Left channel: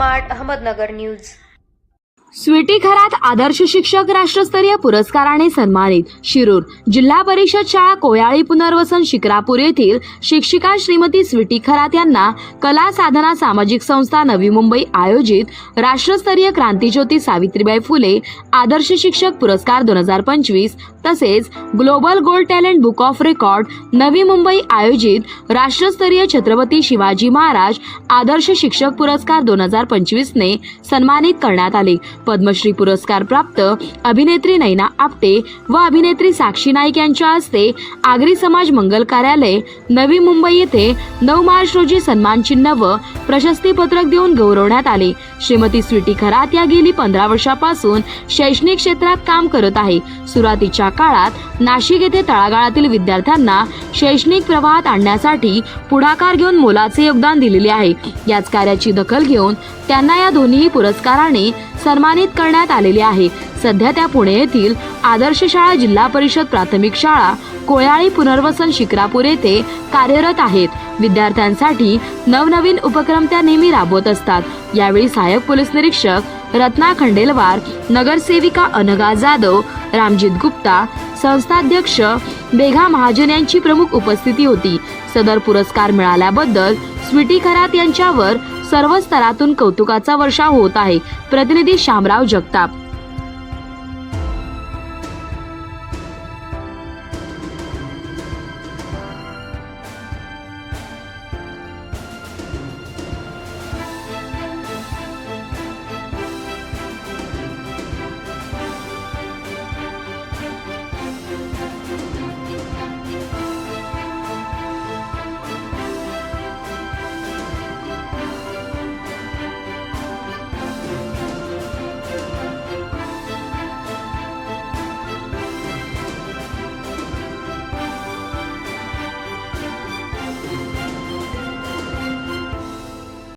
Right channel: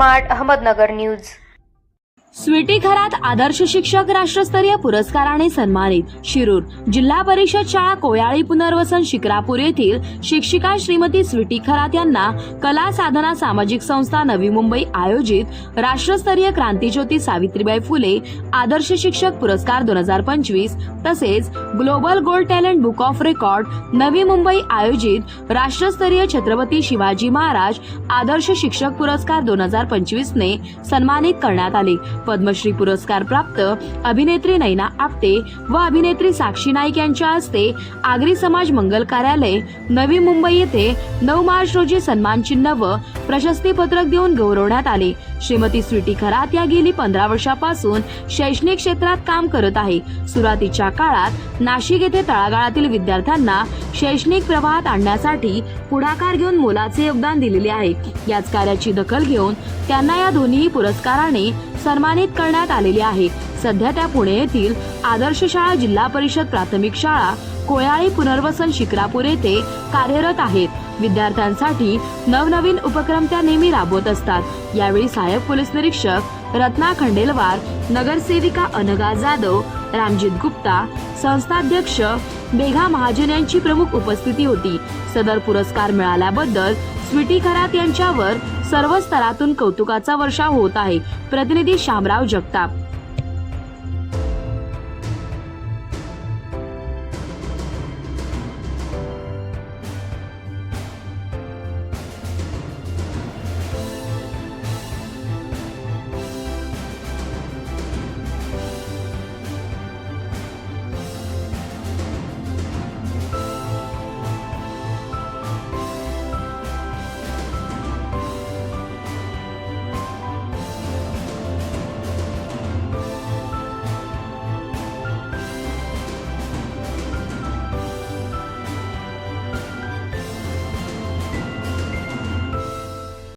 Smart Ahmednagar news. Sweety Kharat आदर्श शिक्षक राष्ट्रस्तरीय पुरस्काराने सन्मानित। शिरूर जिल्हा परिषद शाळा कोयाळी पुनर्वसन शिक्रापूर येथील शिक्षिका श्रीमती स्वीटी खरात यांना कला साधना सामाजिक संस्था नवी मुंबई आयोजित राष्ट्रस्तरीय क्रांतीज्योती सावित्रीबाई फुले आदर्श शिक्षक पुरस्कार 2025 तसेच global gold talent book of record Navi Mumbai आयोजित राष्ट्रस्तरीय छत्रपती शिवाजी महाराज आदर्श शिक्षक पुरस्कार 2025 ने सन्मानित करण्यात आले। पद्मश्री पुरस्कार प्राप्त अभिनेत्री नैना आपटे व अभिनेत्री साक्षी नाईक यांच्या हस्ते आगरी समाज मंगल कार्यालय नवी मुंबई येथे 9 मार्च रोजी सन्मान चिन्ह व प्रशस्ती पत्रक देऊन गौरवण्यात आले। श्रीमती स्वीटी खरात या गेली 15 वर्षापासून शैक्षणिक क्षेत्रात काम करत आहे। सुरुवातीच्या काळात नाशिक येथे तळागाळातील विद्यार्थ्यांना शैक्षणिक प्रवाहात आणण्यासाठी पुढाकार घेऊन मोलाचे योगदान दिलेले आहे। याच कार्याची दखल घेऊन त्यांना या दोन्ही पुरस्काराने सन्मानित करण्यात आलेले आहे। सध्या त्या पुणे येथील आदर्श शाळा जिल्हा परिषद प्राथमिक शाळा कोयाळी पुनर्वसन शिक्रापूर येथे कार्यरत आहेत। विद्यार्थ्यांसाठी नवनवीन उपक्रम त्या नेहमी राबवत असतात। यावेळी सहाय्यक पोलीस निरीक्षक रत्ना खंडेलवार, नगरसेविका अनघा जाधव, रामजित गुप्ता, संस्थाध्यक्ष बेघा महाजन यांची प्रमुख उपस्थिती होती। सदर पुरस्कार मिळाल्याबद्दल स्वीटी खरात यांच्यावर सर्व स्तरातून कौतुकाचा वर्षाव होत आहे। प्रतिनिधी शामराव जगताप।